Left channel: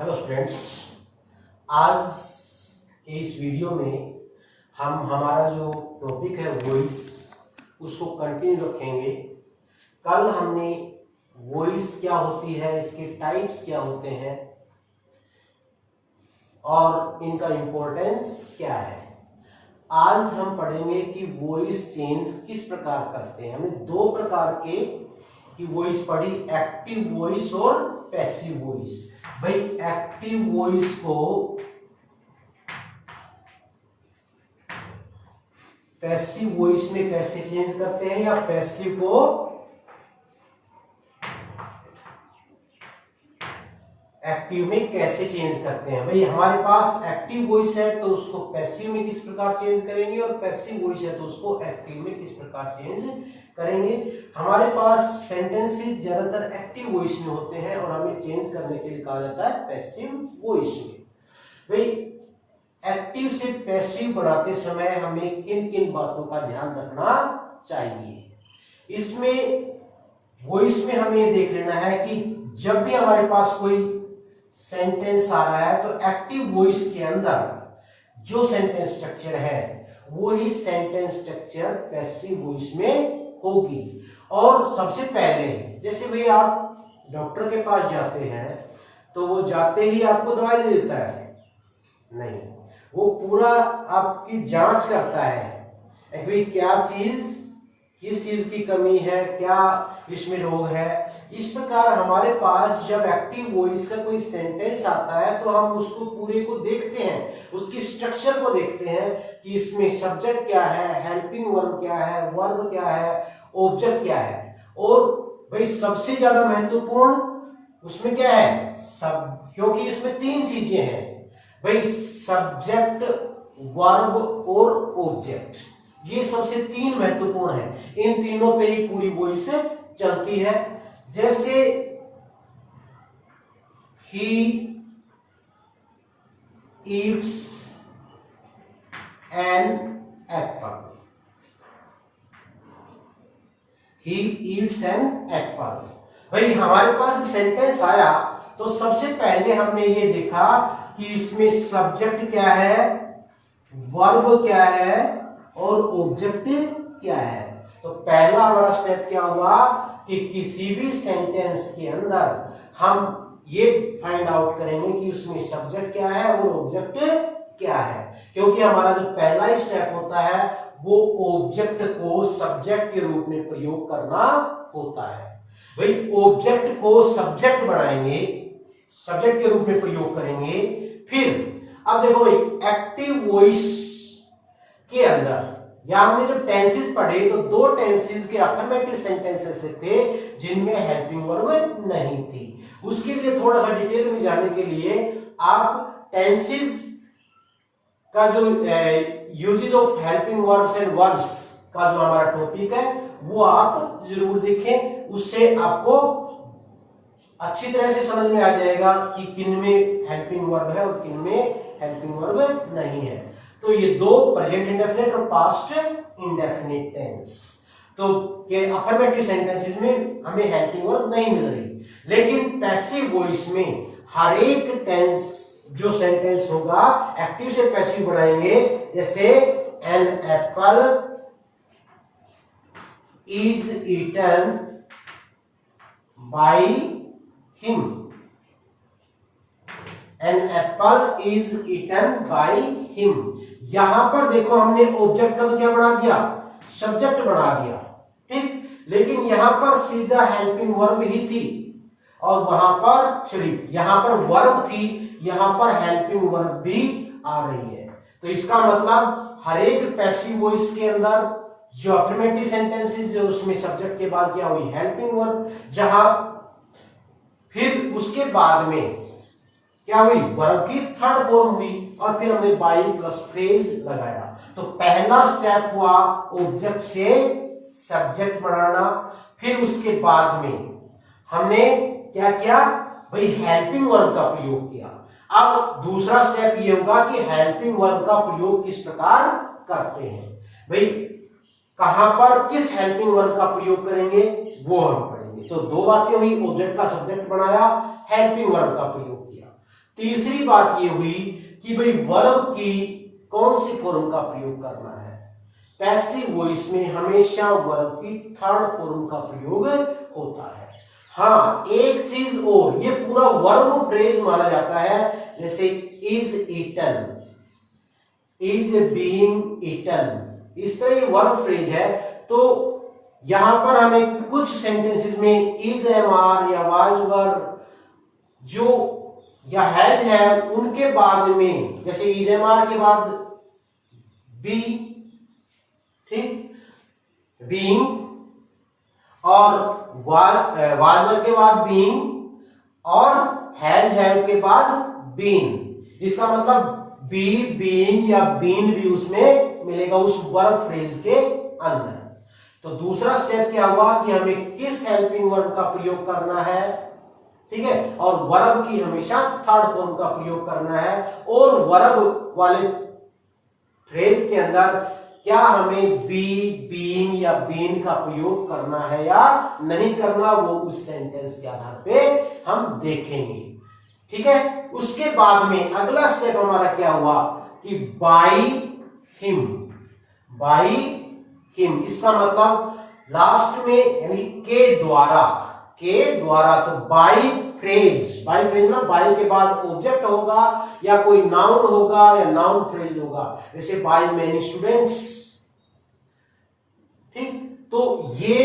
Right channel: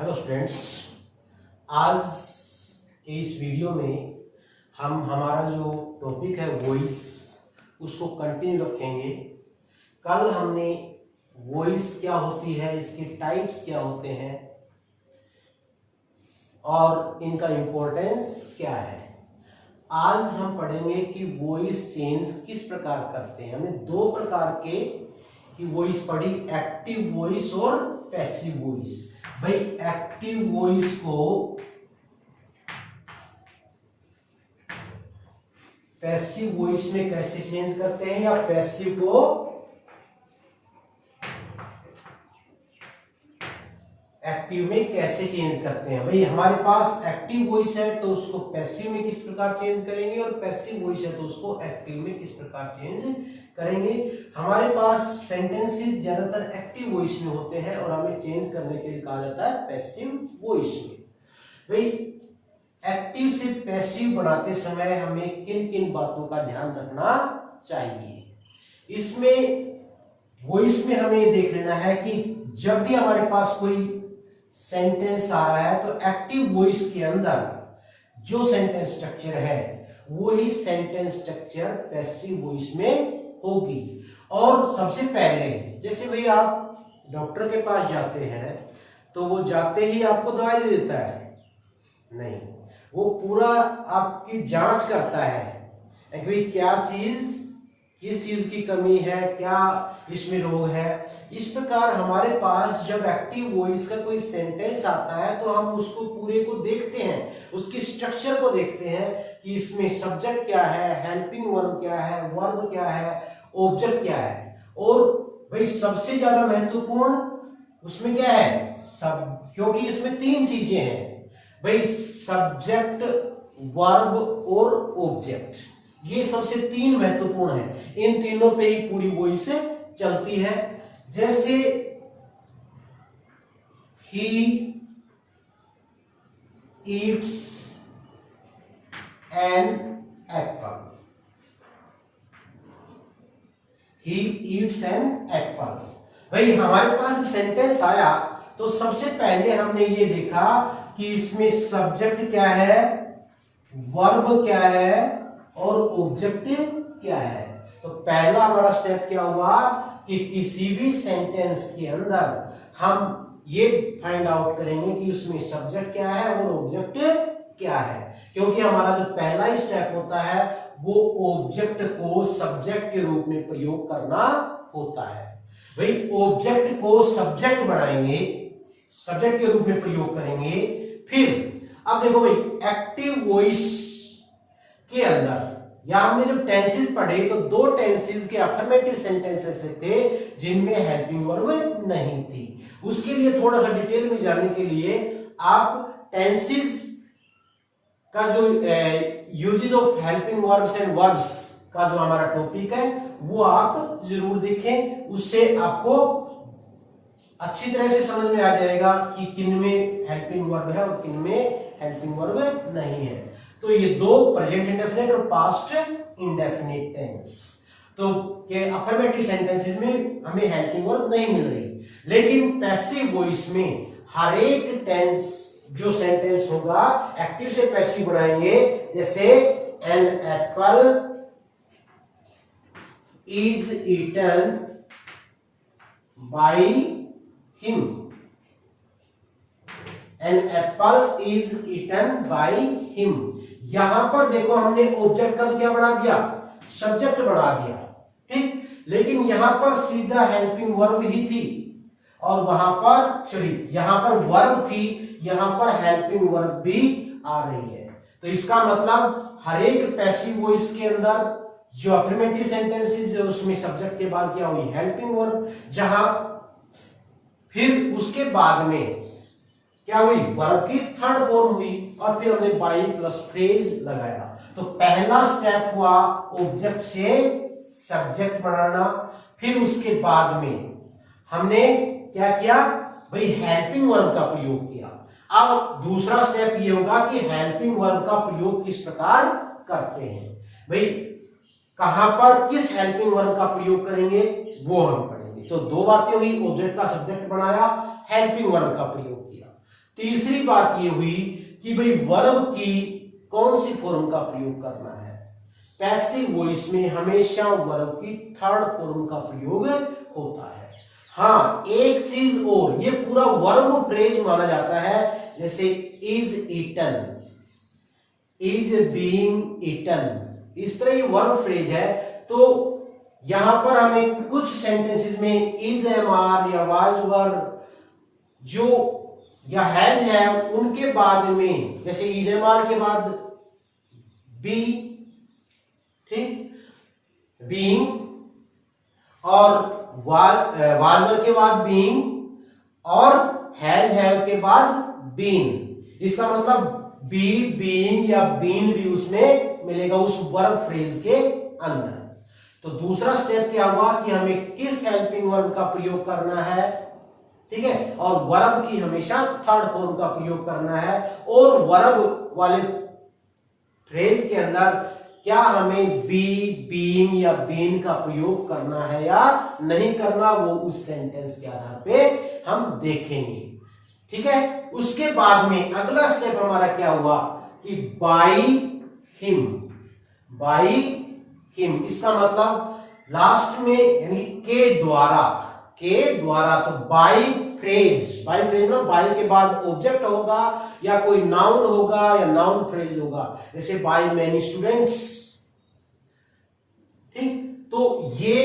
Hello students, आज के इस वीडियो में हम हमारा जो टॉपिक है वॉइस उसको कंटिन्यू रखेंगे। कल हमने वॉइस क्या होती है, इसके टाइप्स क्या होते हैं और इनका इम्पोर्टेंस क्या है। आज हम पढ़ेंगे कि वॉइस चेंज किस प्रकार करते हैं। हमने दो प्रकार की वॉइस पढ़ी, एक्टिव वॉइस और पैसिव वॉइस। भाई एक्टिव वॉइस को पैसिव वॉइस में कैसे चेंज करते हैं या पैसिव को एक्टिव में कैसे चेंज करते हैं। भाई हमारे पास एक्टिव वॉइस है तो उसको पैसिव में किस प्रकार चेंज करेंगे और पैसिव वॉइस है तो उसको एक्टिव में किस प्रकार चेंज करेंगे। हमारे पास सेंटेंसेस ज्यादातर एक्टिव वॉइस में होते हैं और हमें चेंज करने के लिए कहा जाता है पैसिव वॉइस में। भाई एक्टिव से पैसिव बनाते समय हमें किन किन बातों का ध्यान रखना चाहिए। इसमें वॉइस में हमें देख लेना है कि जब भी हमारे पास कोई सेंटेंस आ रहा है तो एक्टिव वॉइस के अंदर जो सेंटेंस स्ट्रक्चर है वही सेंटेंस स्ट्रक्चर पैसिव वॉइस में होगी। और सबसे पहले जैसे भाई आप डॉक्टर के पास जाते हैं तो वो जाते ही आपको दवाई दे देता है, नहीं, वो पूरा आपकी जांच करता है कि क्या चीज, किस चीज की कमी है, क्या इसमें रोग है। इस प्रकार हमारे पास जब एक्टिव वॉइस का कोई सेंटेंस आता है तो हम उसको पूरे को देखते हैं, उसकी स्ट्रक्चर को देखते हैं कि इसमें सब्जेक्ट क्या है, हेल्पिंग वर्ब क्या है, वर्ब क्या है, ऑब्जेक्ट क्या है। और भाई सबसे ज्यादा महत्वपूर्ण उसमें क्या है, सब, क्योंकि इसमें तीन चीजें हैं भाई, सब्जेक्ट, वर्ब और ऑब्जेक्ट। ये सबसे तीन महत्वपूर्ण है, इन तीनों पे ही पूरी वॉइस चलती है। जैसे he eats an apple, he eats an apple. भाई हमारे पास सेंटेंस आया तो सबसे पहले हमने ये देखा कि इसमें सब्जेक्ट क्या है, वर्ब क्या है और ऑब्जेक्ट क्या है। तो पहला हमारा स्टेप क्या हुआ कि किसी भी सेंटेंस के अंदर हम ये फाइंड आउट करेंगे कि उसमें सब्जेक्ट क्या है और ऑब्जेक्ट क्या है, क्योंकि हमारा जो पहला स्टेप होता है वो ऑब्जेक्ट को सब्जेक्ट के रूप में प्रयोग करना होता है। भाई ऑब्जेक्ट को सब्जेक्ट बनाएंगे, सब्जेक्ट के रूप में प्रयोग करेंगे। फिर अब देखो भाई एक्टिव वॉइस के अंदर या हमने जब टेंसेस पढ़े तो दो टेंसेस के अफर्मेटिव सेंटेंसेस थे जिनमें हेल्पिंग वर्ब नहीं थी। उसके लिए थोड़ा सा डिटेल में जाने के लिए आप टेंसेस का जो uses of helping verbs and verbs का जो हमारा टॉपिक है वो आप जरूर देखें, उससे आपको अच्छी तरह से समझ में आ जाएगा कि किन में हेल्पिंग वर्ब है और किन में हेल्पिंग वर्ब नहीं है। तो ये दो प्रेजेंट इंडेफिनिट और पास्ट इंडेफिनिट टेंस, तो के अफर्मेटिव सेंटेंसेस में हमें हेल्पिंग वर्ब नहीं मिल रही, लेकिन पैसिव वॉइस में हर एक टेंस जो सेंटेंस होगा एक्टिव से पैसिव बनाएंगे। जैसे an apple is eaten by him, an apple is eaten by him. यहां पर देखो हमने ऑब्जेक्ट का क्या बना दिया, सब्जेक्ट बना दिया, ठीक, लेकिन यहां पर सीधा हेल्पिंग वर्ब ही थी और वहां पर सॉरी यहां पर वर्ब थी, यहां पर हेल्पिंग वर्ब भी आ रही है। तो इसका मतलब हर एक पैसिव वॉइस के अंदर जो अफर्मेटिव सेंटेंसेस जो उसमें सब्जेक्ट के बाद क्या हुई, हेल्पिंग वर्ब, जहां फिर उसके बाद में क्या हुई, वर्ब की थर्ड फॉर्म हुई और फिर हमने बाई प्लस फ्रेज लगाया। तो पहला स्टेप हुआ ऑब्जेक्ट से सब्जेक्ट बनाना, फिर उसके बाद में हमने क्या किया भाई, हेल्पिंग वर्ब का प्रयोग किया। अब दूसरा स्टेप ये होगा कि हेल्पिंग वर्ब का प्रयोग किस प्रकार करते हैं। भाई कहां पर किस हेल्पिंग वर्ब का प्रयोग करेंगे वो हम पढ़ेंगे। तो दो बातें हुई, ऑब्जेक्ट का सब्जेक्ट बनाया, हेल्पिंग वर्ब का प्रयोग किया। तीसरी बात ये हुई कि भाई वर्ब की कौन सी फॉर्म का प्रयोग करना है। पैसिव वॉइस में हमेशा वर्ब की थर्ड फॉर्म का प्रयोग होता है। हाँ, एक चीज और, ये पूरा वर्ब फ्रेज माना जाता है, जैसे is eaten, is being eaten, इस तरह ये वर्ब फ्रेज है। तो यहां पर हमें कुछ सेंटेंसेस में इज एम आर या वाज वर जो या हैज है उनके बाद में, जैसे इज एम आर के बाद बी, ठीक, बीइंग, और वाज के बाद बीइंग, और हैज के बाद बीन। इसका मतलब बी, बीइंग या बीन भी उसमें मिलेगा उस वर्ब फ्रेज के अंदर। तो दूसरा स्टेप क्या हुआ कि हमें किस हेल्पिंग वर्ब का प्रयोग करना है, ठीक है, और वर्ब की हमेशा थर्ड फॉर्म का प्रयोग करना है। और वर्ब वाले फ्रेज के अंदर क्या हमें बी, बीइंग या बीन का प्रयोग करना है या नहीं करना, वो उस सेंटेंस के आधार पे हम देखेंगे, ठीक है। उसके बाद में अगला स्टेप हमारा क्या हुआ कि बाई हिम, बाई हिम, इसका मतलब लास्ट में यानी के द्वारा, के द्वारा, तो बाई फ्रेज, बाई फ्रेज ना, बाई के बाद ऑब्जेक्ट होगा या कोई नाउन होगा या नाउन फ्रेज होगा, जैसे बाई मैनी स्टूडेंट्स, ठीक। तो ये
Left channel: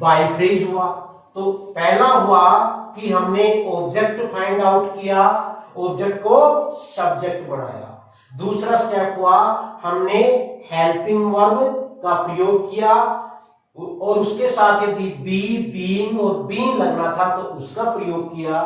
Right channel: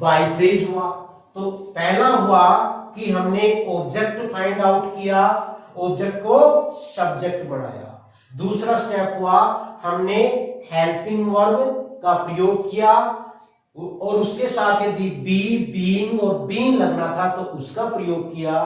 बाई फ्रेज हुआ। तो पहला हुआ कि हमने ऑब्जेक्ट फाइंड आउट किया, ऑब्जेक्ट को सब्जेक्ट बनाया। दूसरा स्टेप हुआ हमने हेल्पिंग वर्ब का प्रयोग किया और उसके साथ यदि बी, बीइंग और बीन लगना था तो उसका प्रयोग किया,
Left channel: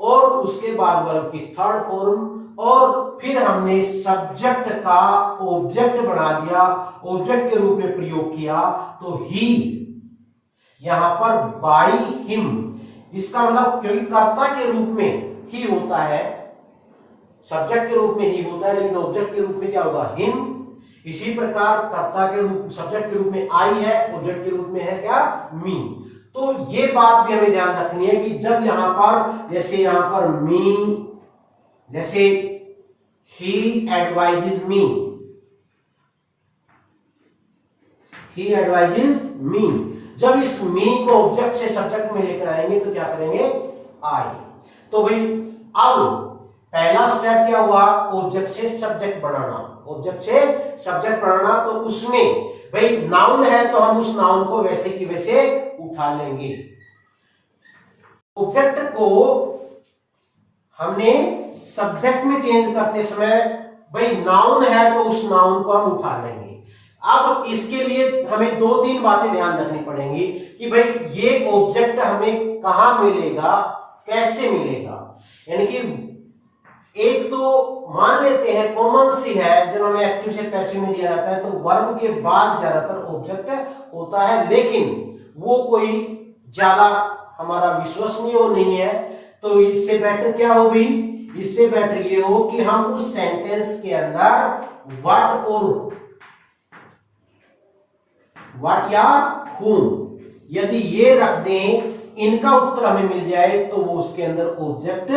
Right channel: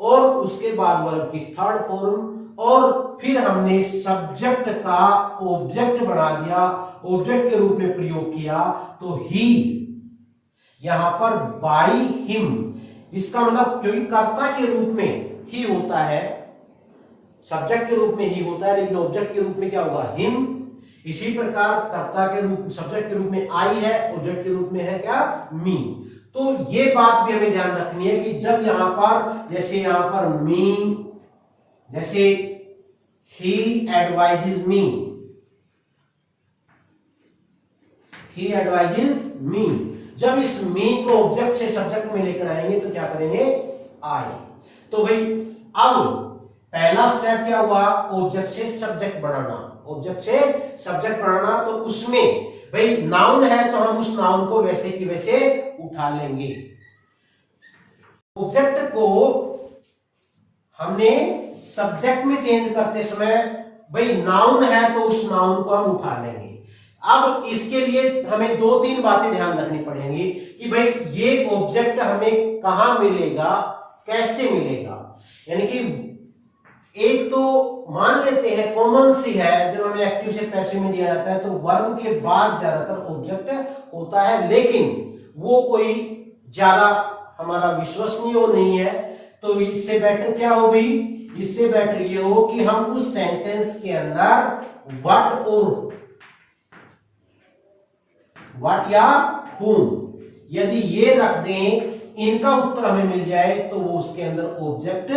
और उसके बाद वर्ब की थर्ड फॉर्म, और फिर हमने सब्जेक्ट का ऑब्जेक्ट बना दिया, ऑब्जेक्ट के रूप में प्रयोग किया। तो ही, यहां पर बाई हिम, इसका मतलब क्योंकि कर्ता के रूप में ही होता है, सब्जेक्ट के रूप में ही होता है, लेकिन ऑब्जेक्ट के रूप में क्या होगा, हिम। इसी प्रकार कर्ता के रूप, सब्जेक्ट के रूप में आई है, ऑब्जेक्ट के रूप में है क्या, मी। तो ये बात भी हमें ध्यान रखनी है कि जब यहां पर, जैसे यहां पर मी, जैसे ही एडवाइजेज मी, ही एडवाइजेज मी, जब इस मी को ऑब्जेक्ट से सब्जेक्ट में लेकर आएंगे तो क्या करेंगे, आई। तो भाई अब पहला स्टेप क्या हुआ, ऑब्जेक्ट से सब्जेक्ट बनाना, ऑब्जेक्ट से सब्जेक्ट बनाना। तो उसमें भाई नाउन है तो हम उस नाउन को वैसे की वैसे उठा लेंगे। ऑब्जेक्ट को हमने सब्जेक्ट में चेंज करते समय भाई नाउन है तो उस नाउन को हम उठा लेंगे। अब इसके लिए हमें दो तीन बातें ध्यान रखनी पड़ेंगी कि भाई ये ऑब्जेक्ट हमें कहां मिलेगा, कैसे मिलेगा। यानी कि एक तो मान लेते हैं कॉमन सी है, जब हमें एक्टिव से पैसिव में दिया जाता है तो वर्ब के बाद ज्यादातर ऑब्जेक्ट होता है, लेकिन वो कोई ज्यादा हमारा विश्वसनीय नहीं है। तो इससे बेटर क्या हो भाई, इससे बेटर ये हो कि हम उस सेंटेंस के अंदर व्हाट और व्हाट या whom यदि ये रख दें, इनका उत्तर हमें मिल जाए तो वो उसके अंदर ऑब्जेक्ट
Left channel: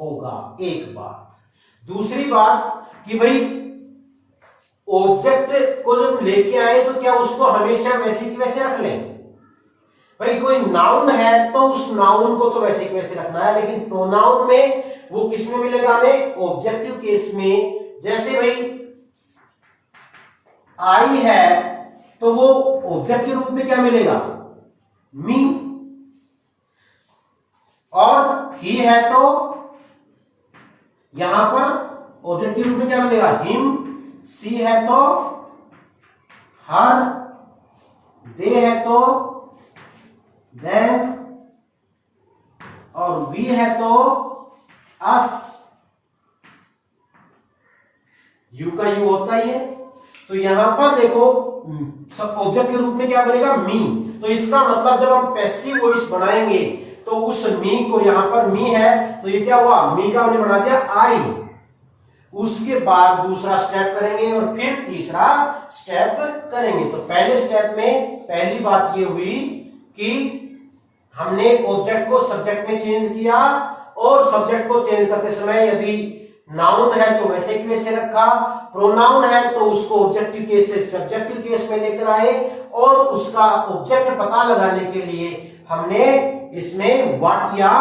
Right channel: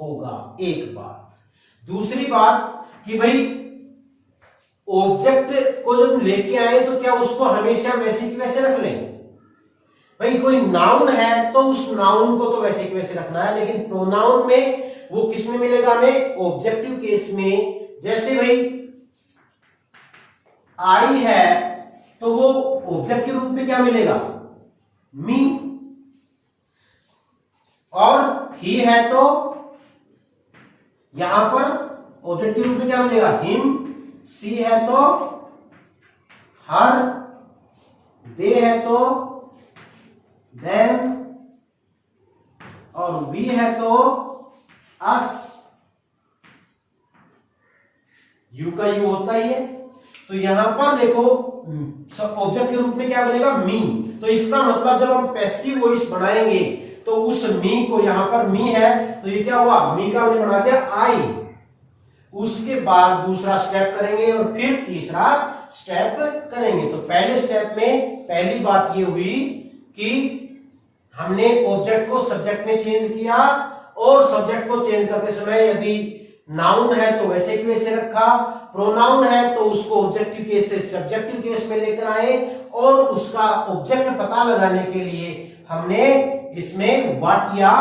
होगा। एक बात। दूसरी बात कि भाई ऑब्जेक्ट को जब लेके आए तो क्या उसको हमेशा वैसे की वैसे रख लें। भाई कोई नाउन है तो उस नाउन को तो वैसे की वैसे रखना है, लेकिन प्रोनाउन में वो किस में मिलेगा हमें, ऑब्जेक्टिव केस में। जैसे भाई आई है तो वो ऑब्जेक्ट के रूप में क्या मिलेगा, मी, और ही है तो यहां पर ऑब्जेक्ट के रूप में क्या मिलेगा, हिम। सी है तो हर, दे है तो देम, और वी है तो अस। यू का यू होता ही है। तो यहां पर देखो ऑब्जेक्ट के रूप में क्या बनेगा, मी। तो इसका मतलब जब हम पैसिव वॉइस बनाएंगे तो उस मी को, यहां पर मी है तो ये क्या हुआ, मी का हमने बना दिया आई। उसके बाद दूसरा स्टेप करेंगे और फिर तीसरा स्टेप करेंगे। तो पहले स्टेप में पहली बात ये हुई कि हमने ऑब्जेक्ट को सब्जेक्ट में चेंज किया और सब्जेक्ट को चेंज करते समय यदि नाउन है तो वैसे की वैसे रखा, प्रोनाउन है तो उसको ऑब्जेक्टिव केस से सब्जेक्टिव केस में लेकर आए, और उसका ऑब्जेक्ट पता लगाने के लिए हमने इसमें व्हाट या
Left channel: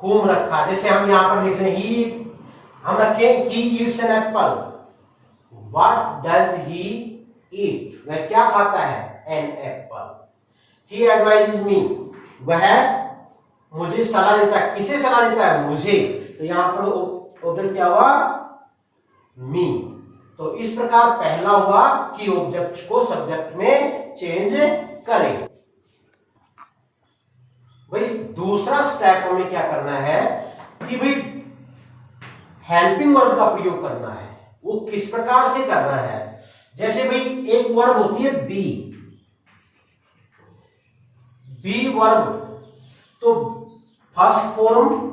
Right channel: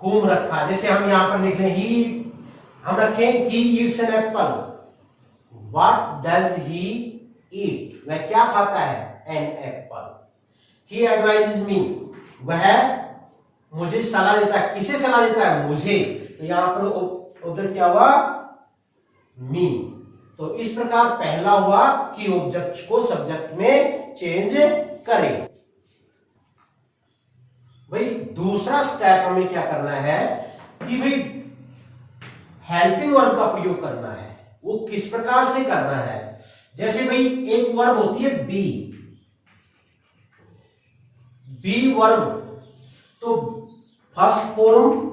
whom रखा। जैसे हम यहां पर लिख रहे हैं हम रखें he eats an apple, what does he eat, वह क्या खाता है, an apple। he advises me, वह मुझे सलाह देता है, किसे सलाह देता है, मुझे, तो यहां पर ऑब्जेक्ट क्या हुआ, मी। तो इस प्रकार पहला हुआ कि ऑब्जेक्ट को सब्जेक्ट में चेंज करें। भाई दूसरा स्टेप हमें क्या करना है कि भाई हेल्पिंग वर्ब का प्रयोग करना है। वो किस प्रकार से करना है, जैसे भाई एक वर्ब होती है बी, बी वर्ब, तो first form,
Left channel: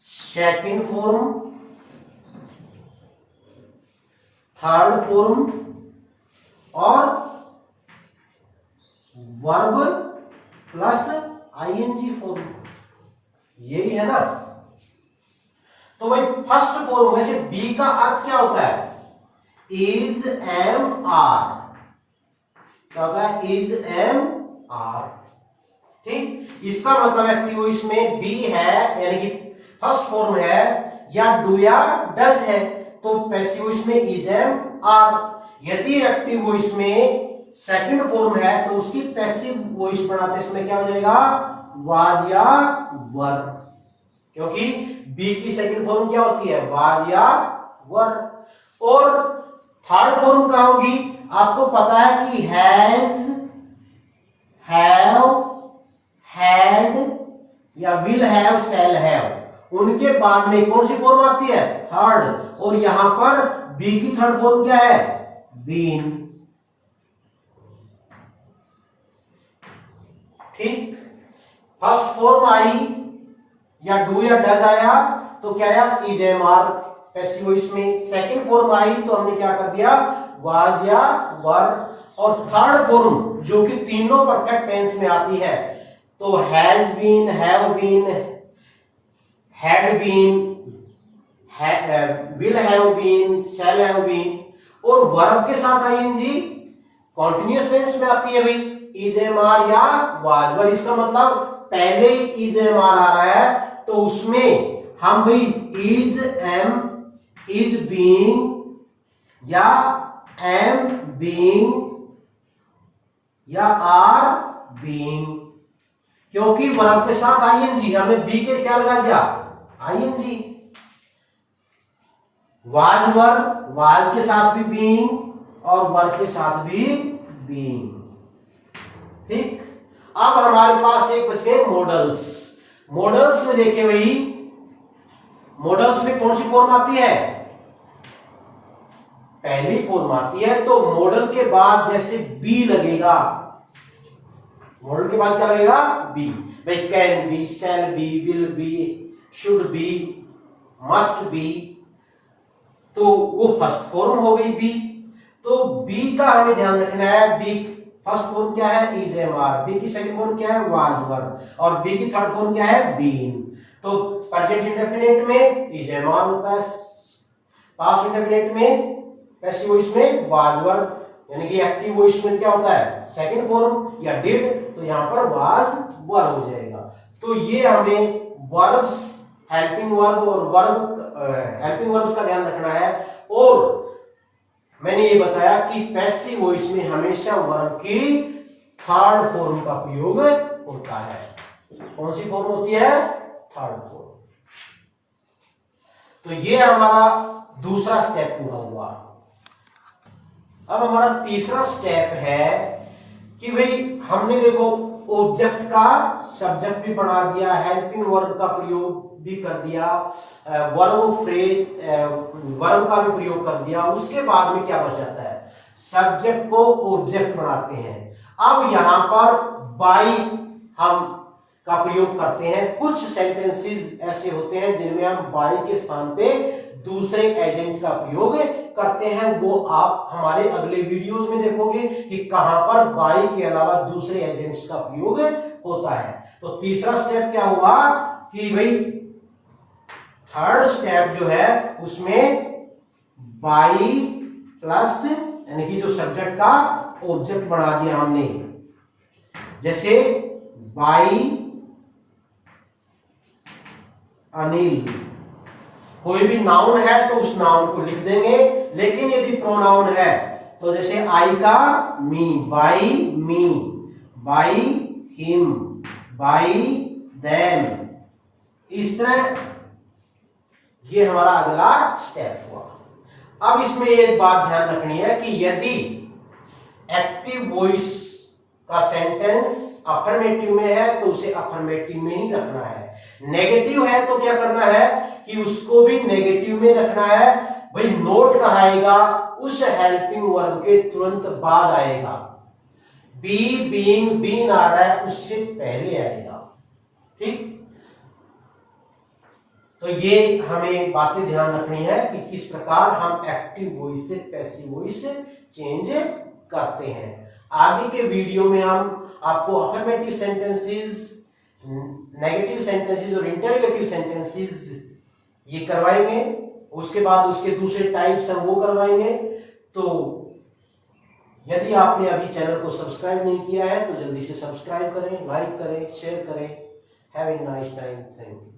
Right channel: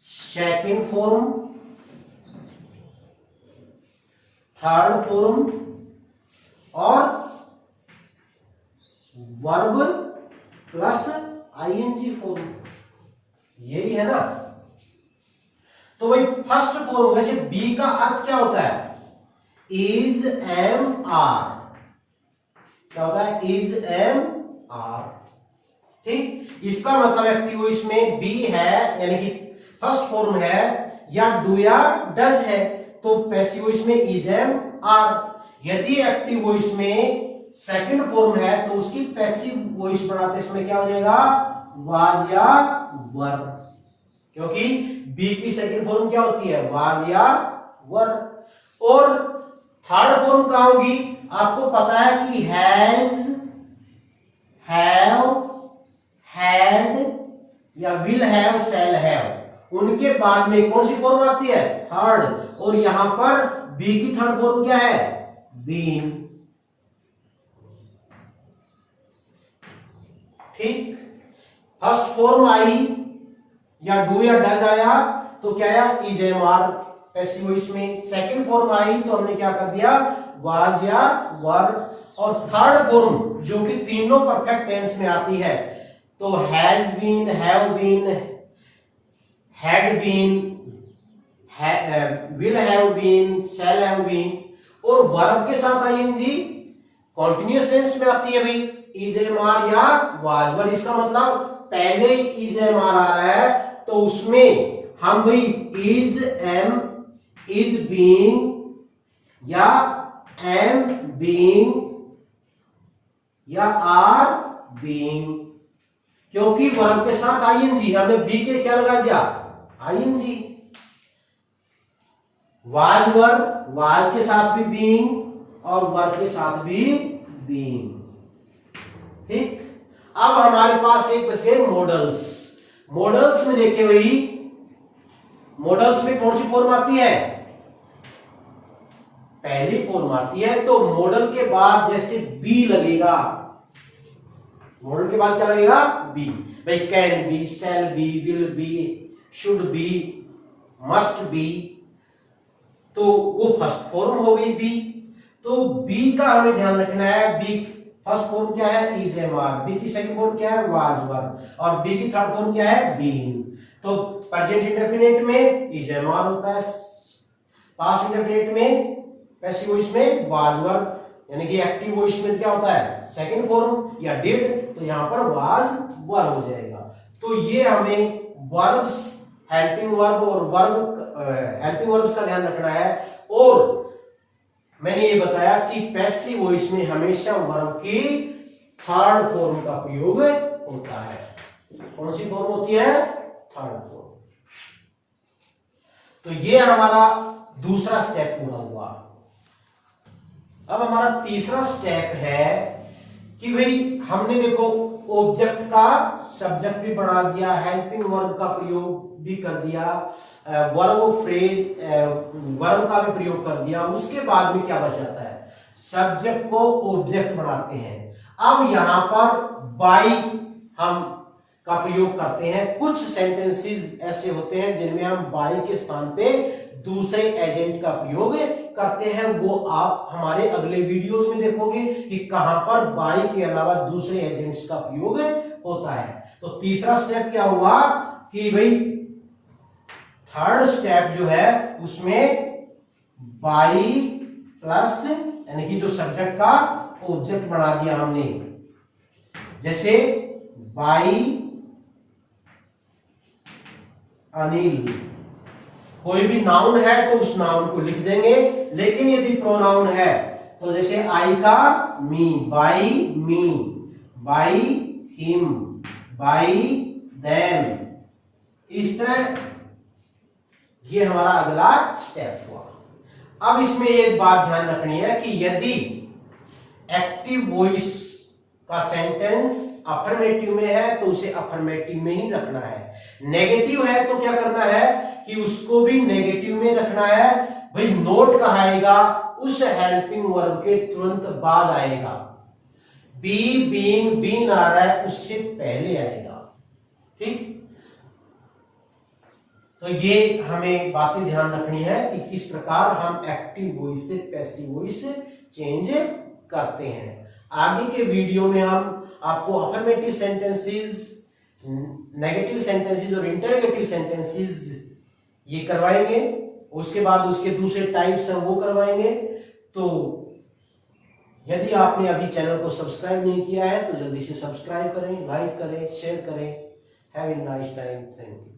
second form, third form और वर्ब प्लस आईएनजी फॉर्म, यही है ना। तो भाई फर्स्ट फॉर्म, वैसे बी का अर्थ क्या होता है, इज एम आर, क्या होता है, इज एम आर, ठीक। इसका मतलब एक्टिव वॉइस में बी है, यानी कि फर्स्ट फॉर्म है, या डू या डज है, तो पैसिव वॉइस में इज एम आर। यदि एक्टिव वॉइस में सेकंड फॉर्म है तो उसकी पैसिव वॉइस बनाते समय क्या हो जाएगा, वाज या वर, क्योंकि बी की सेकंड फॉर्म क्या होती है, वाज या वर। और थर्ड फॉर्म कहां होगी, आपको पता है कि हैज, हैव, हैड या विल हैव, शैल हैव, उनके बाद में कौन सी फॉर्म आती है, थर्ड। और यहां पर बी की थर्ड फॉर्म क्या है, बीन, ठीक। फर्स्ट फॉर्म आई या डू या डज आया तो क्या आया, is am are passive voice में। सेकंड फॉर्म आई तो हमने क्या कर दिया, वाज या वर। और थर्ड फॉर्म जो कि तीनों परफेक्ट टेंस में आती है, तो has been, have been, had been, will have been, shall have been. और वर्ब के साथ आईएनजी कॉन्टिन्यूअस टेंस में आती है भाई, इज एम आर या वाज वर। इसका मतलब पहले इज एम आर आ रहा है तो उसमें हम भाई इज एम, इज बीइंग या एम बीइंग या आर बीइंग, क्योंकि वर्ब के साथ आईएनजी, हमने बी के क्या लगा दिया, आईएनजी। वाज वर, वाज के साथ भी बीइंग और वर्ब के साथ भी बीइंग, ठीक। अब हमारे पास एक बच गए मॉडल्स। मॉडल्स में देखे वही, मॉडल्स में कौन सी फॉर्म आती है, पहली फॉर्म आती है। तो मॉडल के बाद जैसे बी लगेगा, मॉडल के बाद क्या लगेगा, बी। भाई can be, shall be, will be, should be, must be, तो वो फर्स्ट फॉर्म हो गई बी। तो बी का हमें ध्यान रखना है, बी फर्स्ट फॉर्म क्या है, इज एम आर, बी की सेकंड फॉर्म क्या है, वाज वर, और बी की थर्ड फॉर्म क्या है, बीन। तो प्रेजेंट इंडेफिनिट में इज एम आर होता है, पास्ट इंडेफिनिट में पैसिव वॉइस में वाज वर, यानी कि एक्टिव वॉइस में क्या होता है, सेकंड फॉर्म या डिड, तो यहां पर वाज वर हो जाएगा। तो ये हमें वर्ब्स, हेल्पिंग वर्ब और वर्ब, हेल्पिंग वर्ब्स का ध्यान रखना है। और मैंने ये बताया कि पैसिव वॉइस में हमेशा वर्ब की थर्ड फॉर्म का प्रयोग होता है। कौन सी फॉर्म होती है, थर्ड फॉर्म। तो ये हमारा दूसरा स्टेप पूरा हुआ। अब हमारा तीसरा स्टेप है कि भाई हमने देखो ऑब्जेक्ट का सब्जेक्ट भी बना दिया, हेल्पिंग वर्ब का प्रयोग भी कर दिया, वर्ब फ्रेज, वर्ब का भी प्रयोग कर दिया। उसके बाद में क्या बच जाता है, सब्जेक्ट को ऑब्जेक्ट बनाते हैं। अब यहां पर बाई हम का प्रयोग करते हैं। कुछ सेंटेंसेस ऐसे होते हैं जिनमें हम बाई के स्थान पे दूसरे एजेंट का प्रयोग करते हैं, वो आप हमारे अगले वीडियोस में देखोगे कि कहां पर बाई के अलावा दूसरे एजेंट्स का प्रयोग होता है। तो तीसरा स्टेप क्या हुआ कि भाई थर्ड स्टेप जो है उसमें बाई प्लस यानी कि जो सब्जेक्ट का ऑब्जेक्ट बना दिया हमने, जैसे बाई अनिल। कोई भी नाउन है तो उस नाउन को लिख देंगे, लेकिन यदि प्रोनाउन है तो जैसे आई का me, by me, by him, by them, इस तरह ये हमारा अगला स्टेप हुआ। अब इसमें एक बात ध्यान रखनी है कि यदि एक्टिव वॉइस का सेंटेंस अफर्मेटिव में है तो उसे अफर्मेटिव में ही रखना है, नेगेटिव है तो क्या करना है कि उसको भी नेगेटिव में रखना है। भाई नोट कहाँ आएगा, उस हेल्पिंग वर्ब के तुरंत बाद आएगा। बी, बीइंग, बीन आ रहा है उससे पहले आएगा। ठीक, तो ये हमें बातें ध्यान रखनी है कि किस प्रकार हम एक्टिव वॉइस से पैसिव वॉइस चेंज करते हैं। आगे के वीडियो में हम आपको अफर्मेटिव सेंटेंसेस, नेगेटिव सेंटेंसेस और इंटरोगेटिव सेंटेंसेस ये करवाएंगे, उसके बाद उसके दूसरे टाइप्स हम वो करवाएंगे। तो यदि आपने अभी चैनल को सब्सक्राइब नहीं किया है तो जल्दी से सब्सक्राइब करें, लाइक करें, शेयर करें। Have a nice time, thank you.